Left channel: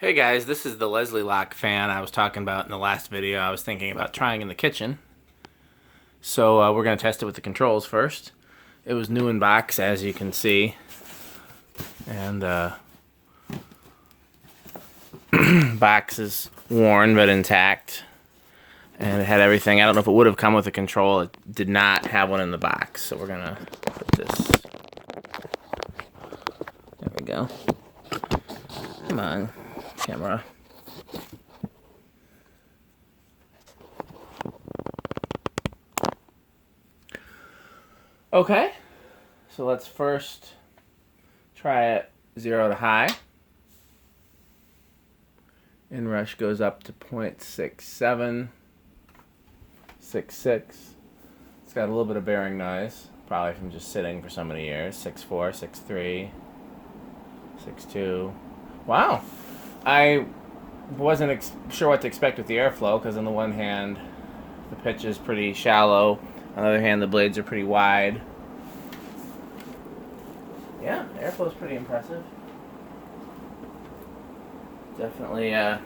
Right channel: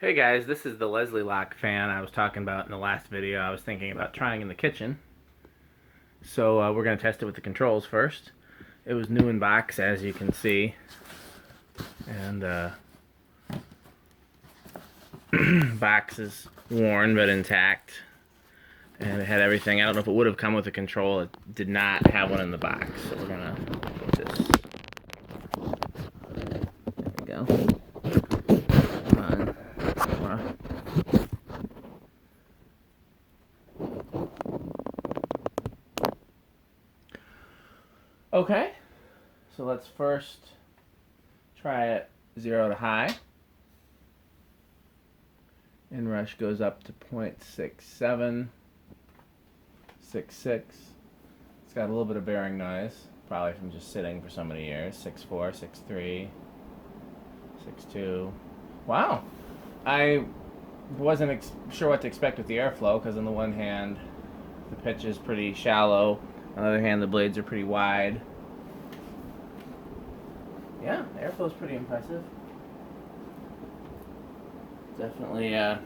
Hey guys, this is the Locke fan I was talking about in the last video. I was thinking about trying in the kitchen. So we're going to test it with the controls first. It was new in box, as you can see. And box is worn but intact. And it had everything. I don't know if it would have come with a control. It did not have one in the box. So we're going to put this. There we go. Come on, camera. Okay, so let's first try it 0 to high. Inrush goes up to 0.6766. It's got a little bit of bearing noise, probably from just sitting for so many years. 6.4, 6.3, 6.2. Wow, I wasn't sure what to expect with the airflow, because on the one hand, the pitch is pretty shallow. On the other hand, the blades are pretty wide. Yeah, airflow's pretty impressive. Definitely better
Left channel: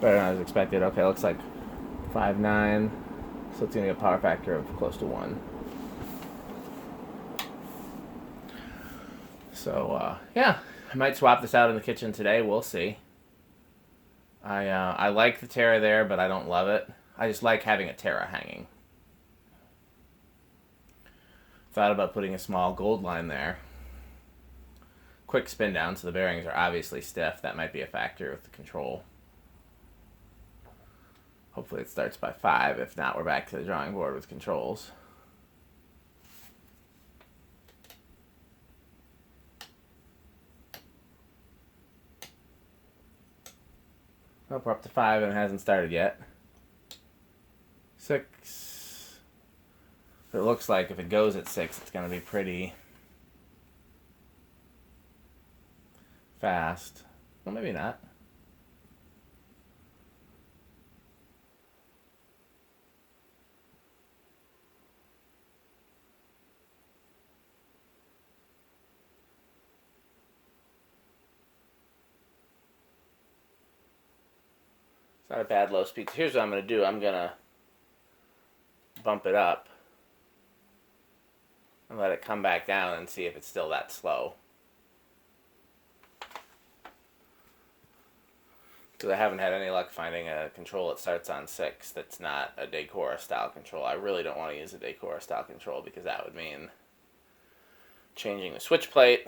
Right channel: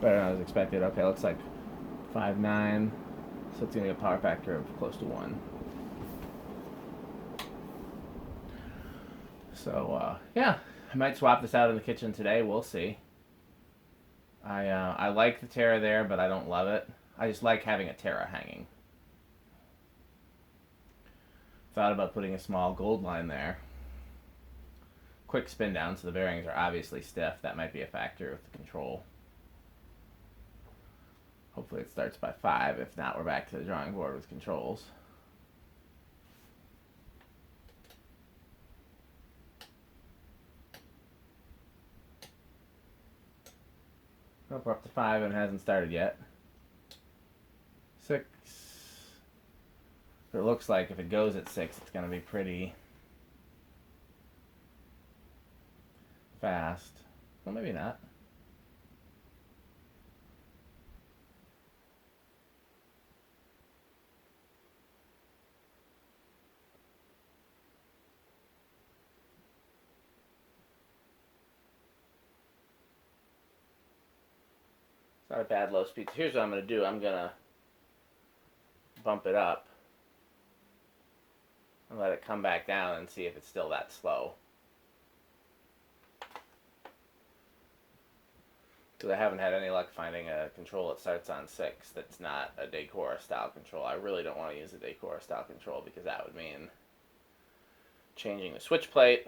than I was expected. Okay, looks like 5.9, so it's going to get a power factor of close to 1. So, yeah, I might swap this out in the kitchen today. We'll see. I like the Terra there, but I don't love it. I just like having a Terra hanging. Thought about putting a small gold line there. Quick spin down, so the bearings are obviously stiff. That might be a factor with the control. Hopefully it starts by 5. If not, we're back to the drawing board with controls. Nope, we're up to 5 and it hasn't started yet. 6. It looks like if it goes at 6, it's going to be pretty fast. Well, maybe not. It's not a bad low speed. Here's what I'm going to do. I'm going to bump it up and let it come back down and see if it's still that slow. Because I haven't had any luck finding a control that starts on 6 that's not a Decora style control. I really don't want to use a Decora style control because that would mean changing the switch plate,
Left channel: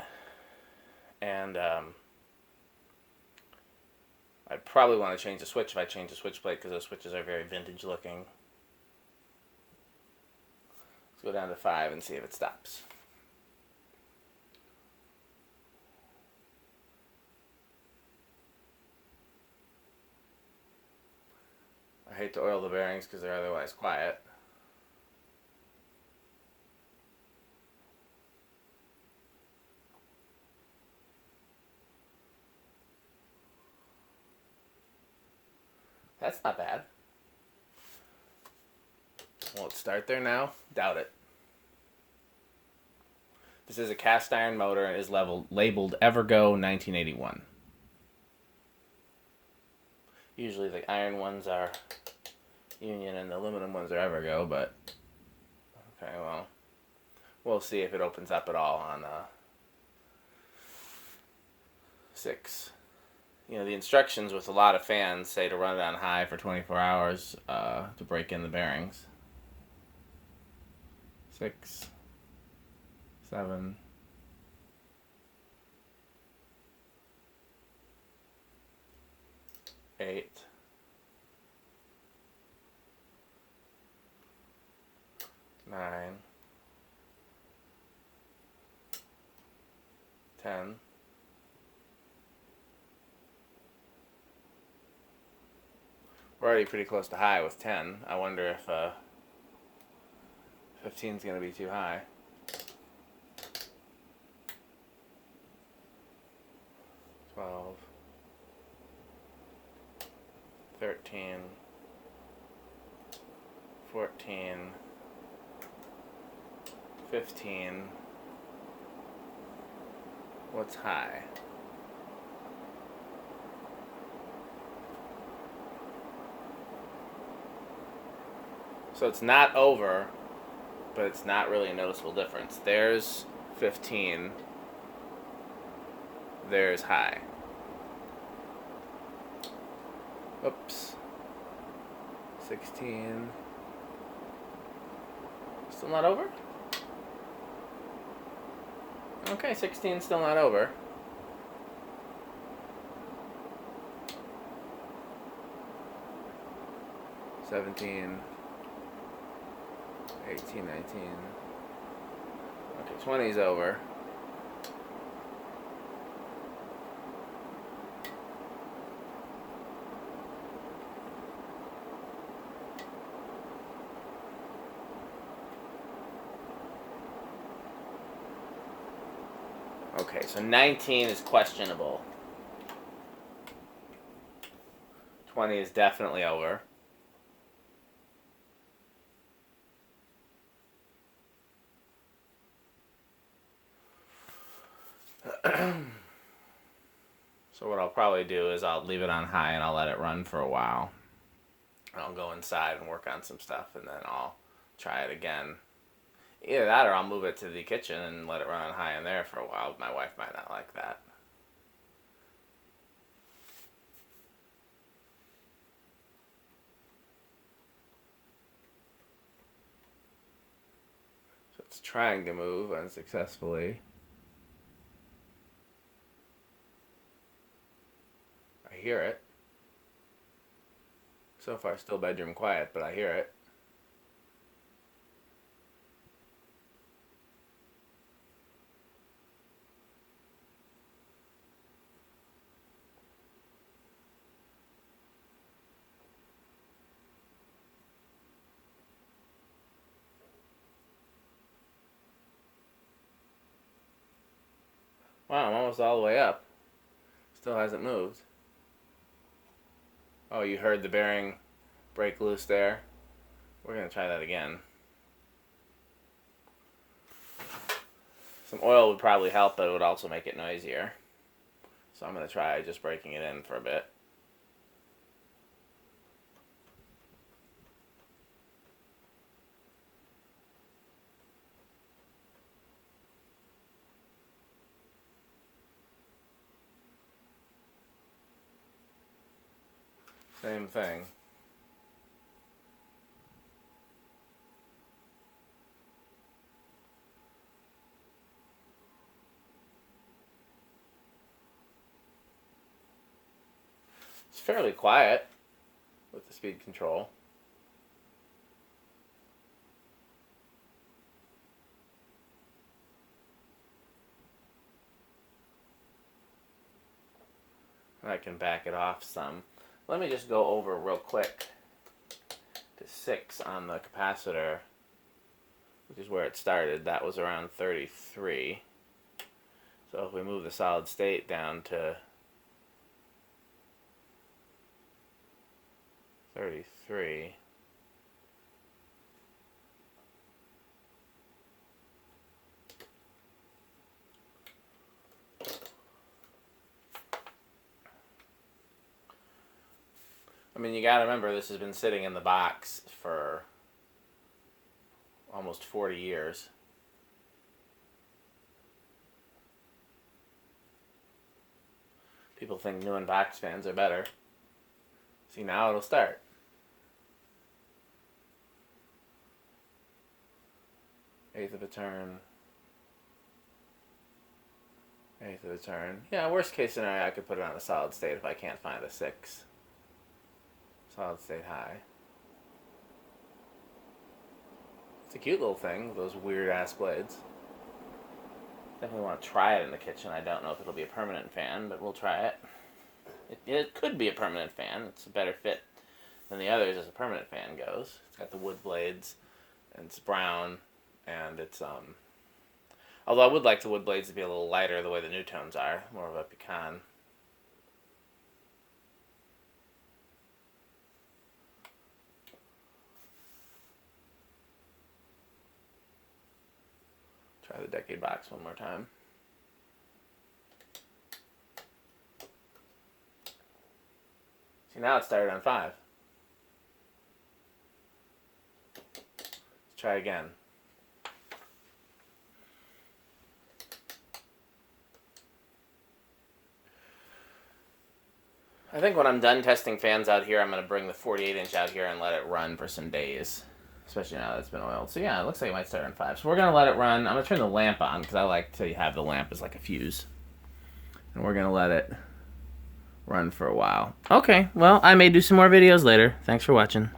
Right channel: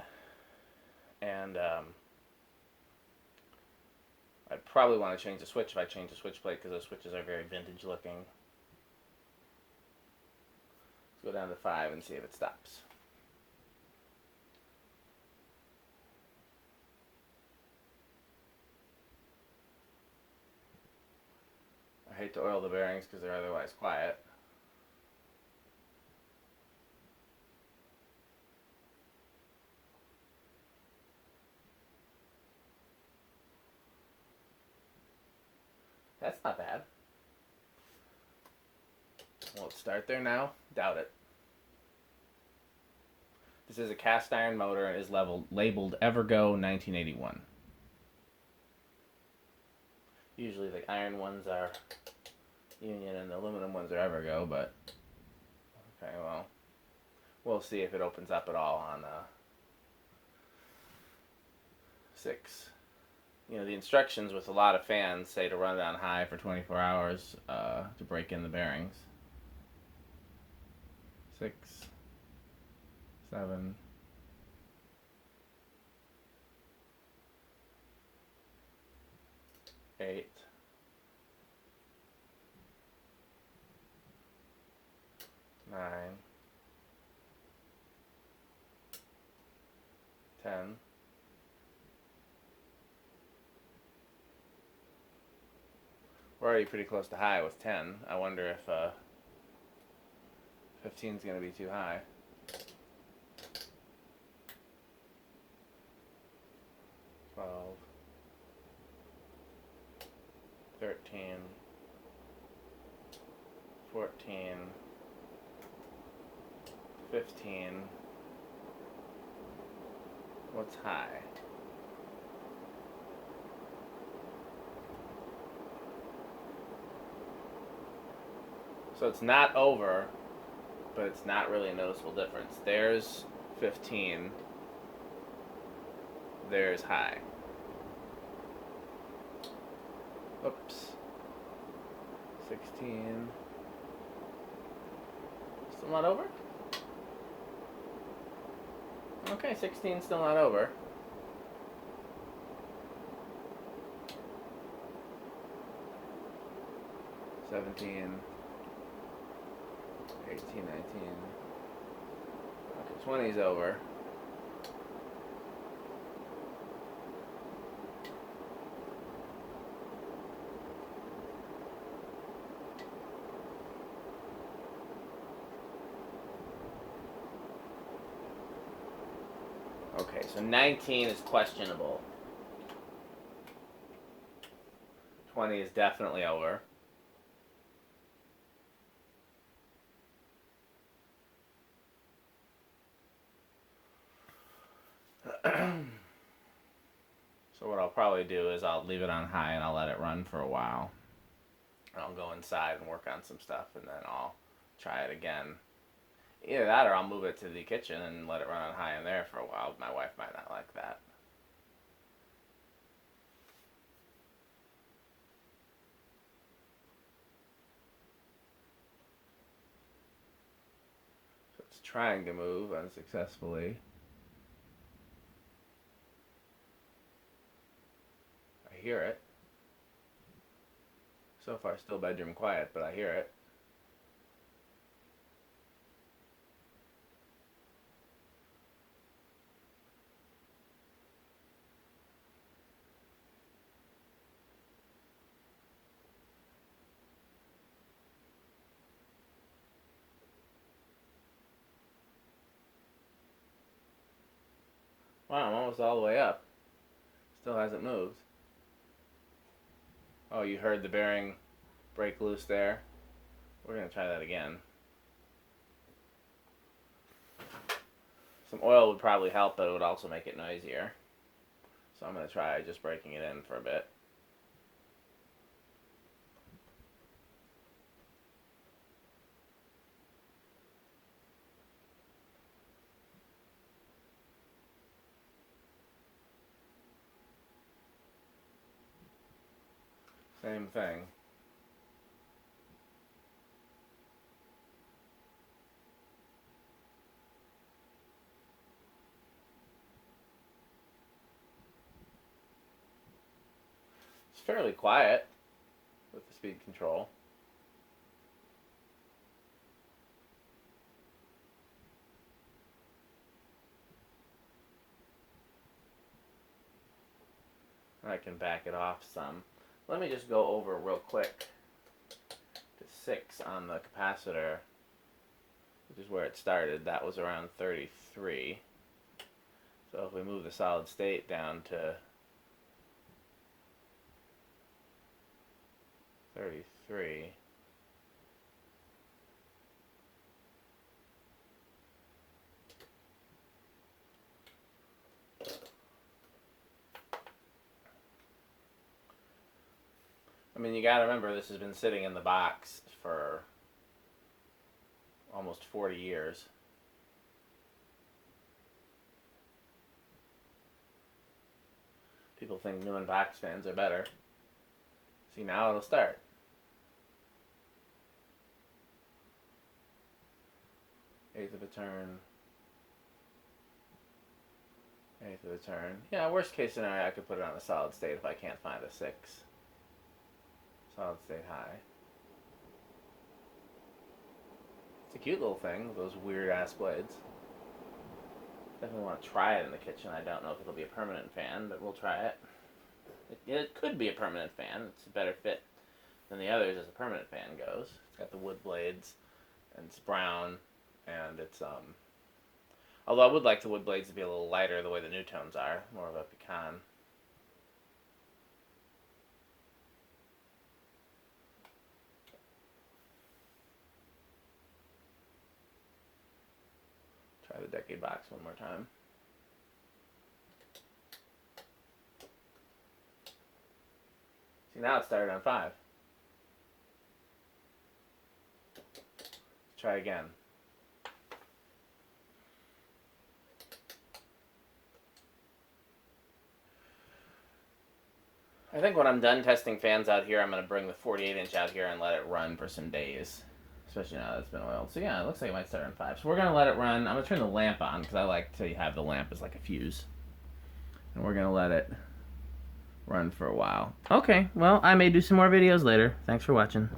and I'd probably want to change the switch if I change the switch plate because those switches are very vintage looking. Let's go down to 5 and see if it stops. I hate to oil the bearings because they're otherwise quiet. That's not bad. Will it start there now? Doubt it. This is a cast iron motor and is labeled Evergo 1981. Usually the iron ones are Union and the aluminum ones are Evergo, but okay, well, we'll see if it opens up at all on 6. You know, the instructions with a lot of fans say to run it on high for 24 hours to break in the bearings. 6, 7, 8, 9, 10. We're already pretty close to high with 10. I wonder if 15 is going to be too high. 12, 13, 14, 15. What's high? So it's not over, but it's not really a noticeable difference. There's 15. There's high. Oops. 16. Still not over? Okay, 16 still not over. $17, 18, 19. Okay, 20 is over. Okay, so 19 is questionable. 20 is definitely over. So what I'll probably do is I'll leave it on high and I'll let it run for a while. I'll go inside and work on some stuff and then I'll try it again. Either that or I'll move it to the kitchen and let it run on high in there for a while. My wife might not like that. So it's trying to move unsuccessfully. I hear it. So far still bedroom quiet, but I hear it. Wow, I'm almost all the way up. Still hasn't moved. Oh, you heard the bearing break loose there? We're going to try that again. Some oil would probably help, but it would also make it noisier. So I'm going to try just breaking it in for a bit. Same thing. It's fairly quiet with the speed control. I can back it off some. Let me just go over real quick to 6 on the capacitor, which is where it started. That was around 33. So if we move the solid state down to 33, I mean, you gotta remember this has been sitting in the box for almost 40 years. People think new and box fans are better. See, now it'll start. Eighth of a turn. Eighth of a turn. Yeah, worst case scenario, I could put it on a solid state if I can't find a 6. Solid state high. It's a cute little thing, those weird ass blades. Definitely want to try it in the kitchen. I don't know if it'll be a permanent fan, but we'll try it. It could be a permanent fan. It's a better fit than the others as a permanent fan goes. It's got the wood blades, and it's brown, and it's although I would like the wood blades to be a little lighter the way the new tones are, more of a pecan. Try the decade box one more time. See, now it started on 5. try again. I think when I'm done testing fans out here, I'm going to bring the 48-inch out here and let it run for some days. Especially now that it's been oiled. So yeah, it looks like it might start in 5. So we're going to let it run. I'm going to turn the lamp on because I like to have the lamp as like a fuse. And we're going to let it run for a while. Okay, well, I may do some more videos later. Thanks for watching.